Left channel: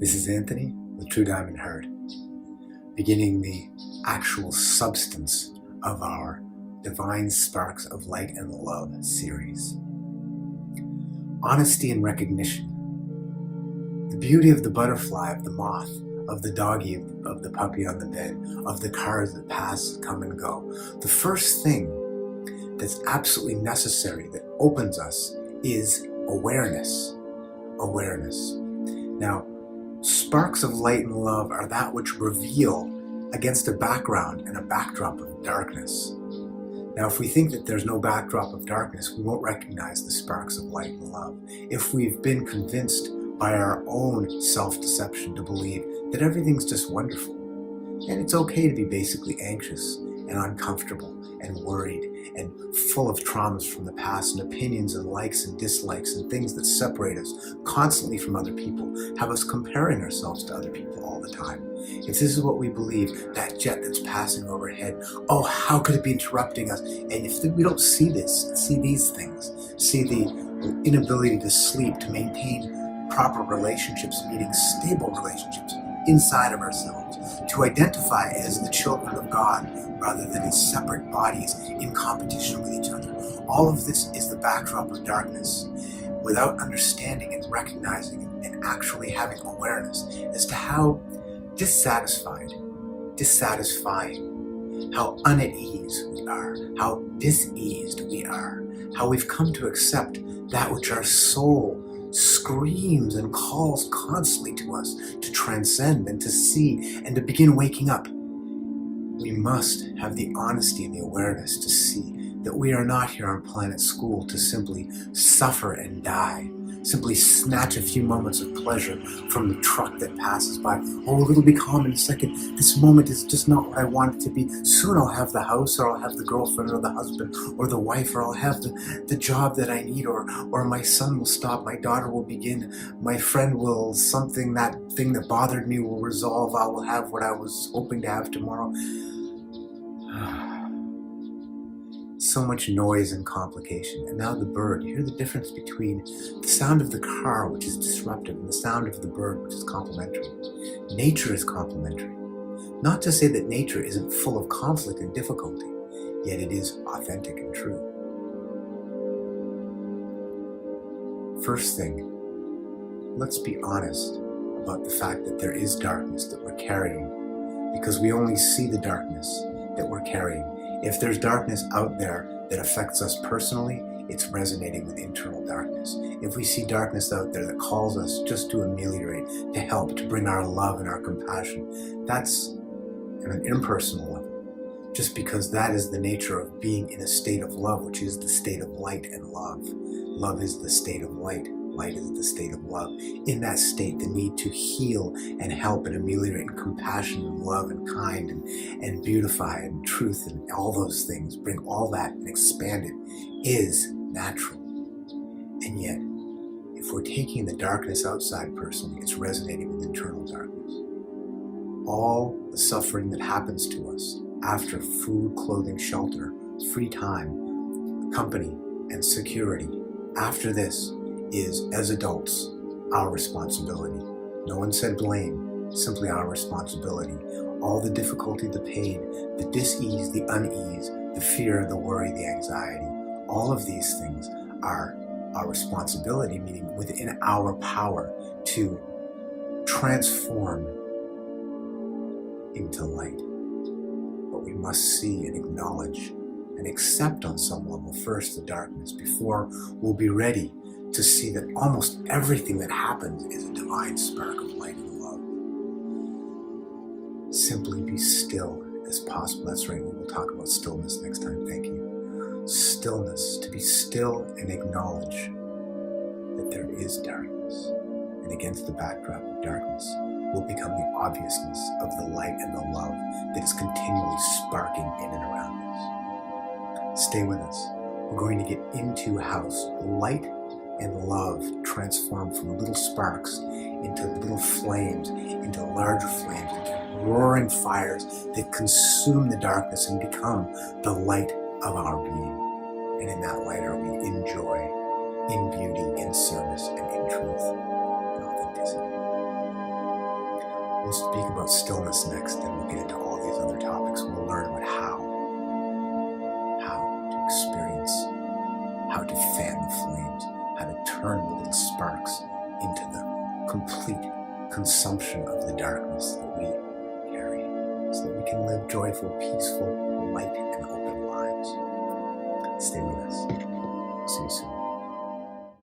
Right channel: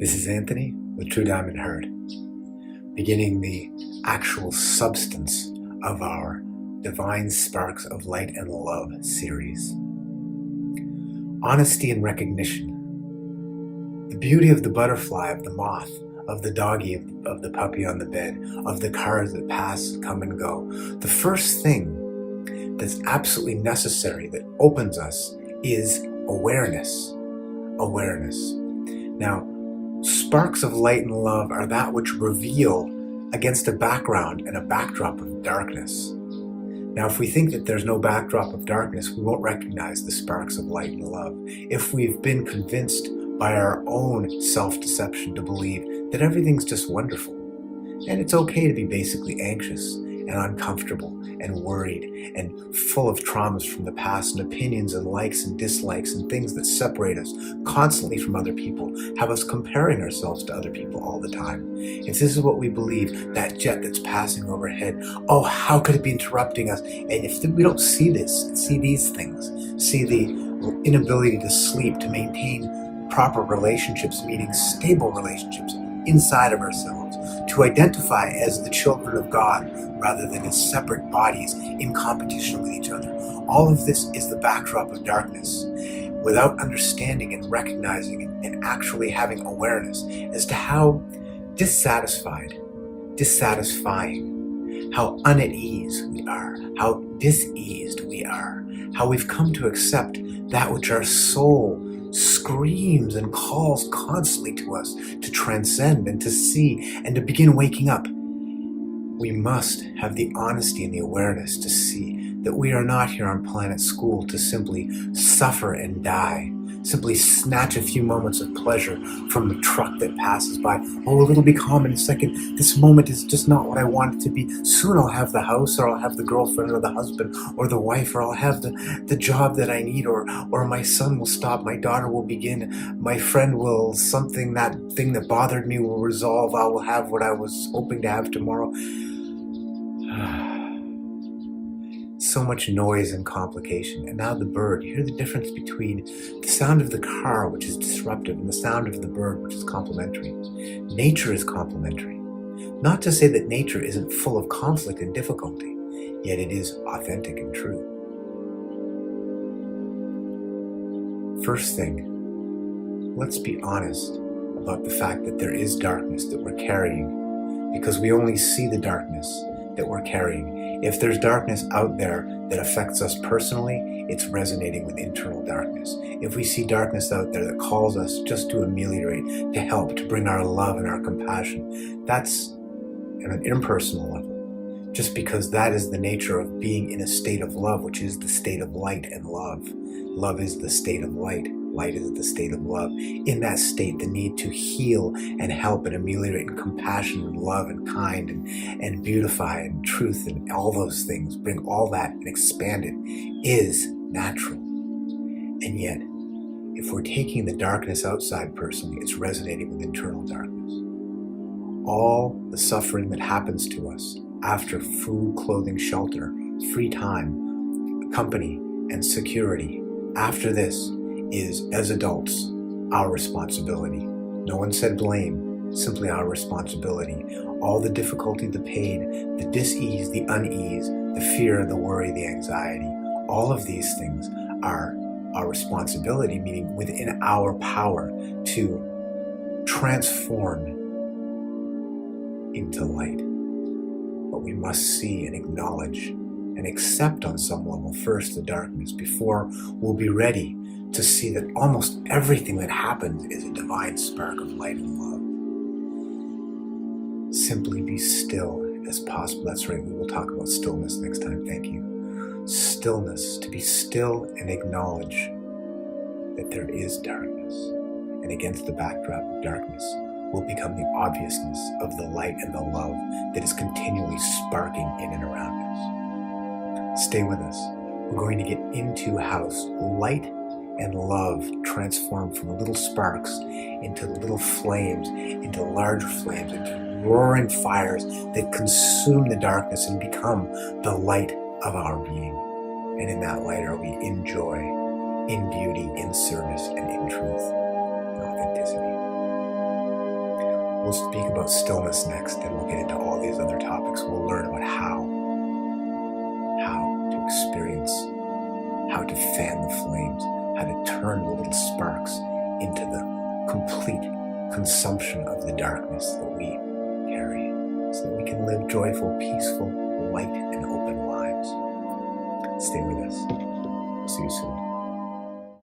This is Anthony with True Diamond Heart, beginning the actual substance of our Divine Sparks of Light and Love series. Honesty and recognition. The beauty of the butterfly, of the moth, of the doggy, of the puppy on the bed, of the cars that pass, come and go. The first thing that's absolutely necessary that opens us is awareness. Awareness. Now, sparks of light and love are that which reveal against a background and a backdrop of darkness. Now, if we think that there's no backdrop of darkness, we won't recognize the sparks of light and love. If we've been convinced by our own self-deception to believe that everything's just wonderful, and it's okay to be basically anxious and uncomfortable and worried and full of traumas from the past and opinions and likes and dislikes and things that separate us constantly from other people, have us comparing ourselves to other people all the time. If this is what we believe, that jet that's passing overhead, oh, how could it be interrupting us? And if we don't see this, see these things, see the inability to sleep, to maintain proper relationships, meaning stable relationships inside of ourselves, to identify as the children of God rather than as separate bodies in competition with each other. All of this is the backdrop of darkness. Without understanding and recognizing and actually having awareness as to how dissatisfied, dissatisfying, how unease we are, how diseased we are, how we've come to accept that which our soul screams and calls constantly to us to transcend and to see and to begin waking up. We must have the honesty and the awareness to see that we are not here on planet school to simply suffer and die, simply snatch a few moments of pleasure from the truck that passes by. Oh, it'll be calm in a second. This moment is just not what I want it to be. Soon I'll have the house, or I'll have the girlfriend, or the husband, or the wife, or I'll have the job that I need, or my son will stop, my daughter will begin, my friend will, something, that thing that bothered me will resolve, I will have what I was hoping to have tomorrow. So much noise and complication. And now the bird. You hear the difference between the sound of the car, which is disruptive, and the sound of the bird, which is complementary. Nature is complementary. Not to say that nature isn't full of conflict and difficulty, yet it is authentic and true. First thing, let's be honest about the fact that there is darkness that we're carrying, because we only see the darkness that we're carrying. If there's darkness out there that affects us personally, it's resonating with internal darkness. If we see darkness out there that calls us just to ameliorate, to help, to bring our love and our compassion, that's at an impersonal level. Just because that is the nature of being in a state of love, which is the state of light and love. Love is the state of light. Light is the state of love. In that state, the need to heal and help and ameliorate and compassion and love and kind and beautify and truth and all those things, bring all that and expand it, is natural. And yet, if we're taking the darkness outside personally, it's resonating with internal darkness. All the suffering that happens to us after food, clothing, shelter, free time, company, and security, after this, is, as adults, our responsibility. No one said blame, simply our responsibility. All the difficulty, the pain, the dis-ease, the unease, the fear, the worry, the anxiety, all of these things are our responsibility, meaning within our power to transform into light. But we must see and acknowledge and accept on some level first the darkness before we'll be ready to see that almost everything that happens is a divine spark of light and love. Simply be still as possible. That's right, we will talk about stillness next time. Thank you. Stillness, to be still and acknowledge that there is darkness. And against the backdrop of darkness will become the obviousness of the light and the love that is continually sparking in and around us. Stay with us. We're going to get into how light and love transform from little sparks into little flames, into larger flames, into roaring fires that consume the darkness and become the light of our being. And in that light are we in joy, in beauty, in service, and in truth, and authenticity. We'll speak about stillness next, and we'll get into all these other topics. We'll learn about how to experience, how to fan the flames, how to turn the little sparks into the complete consumption of the darkness that we carry, so that we can live joyful, peaceful, light, and open lives. Stay with us. See you soon.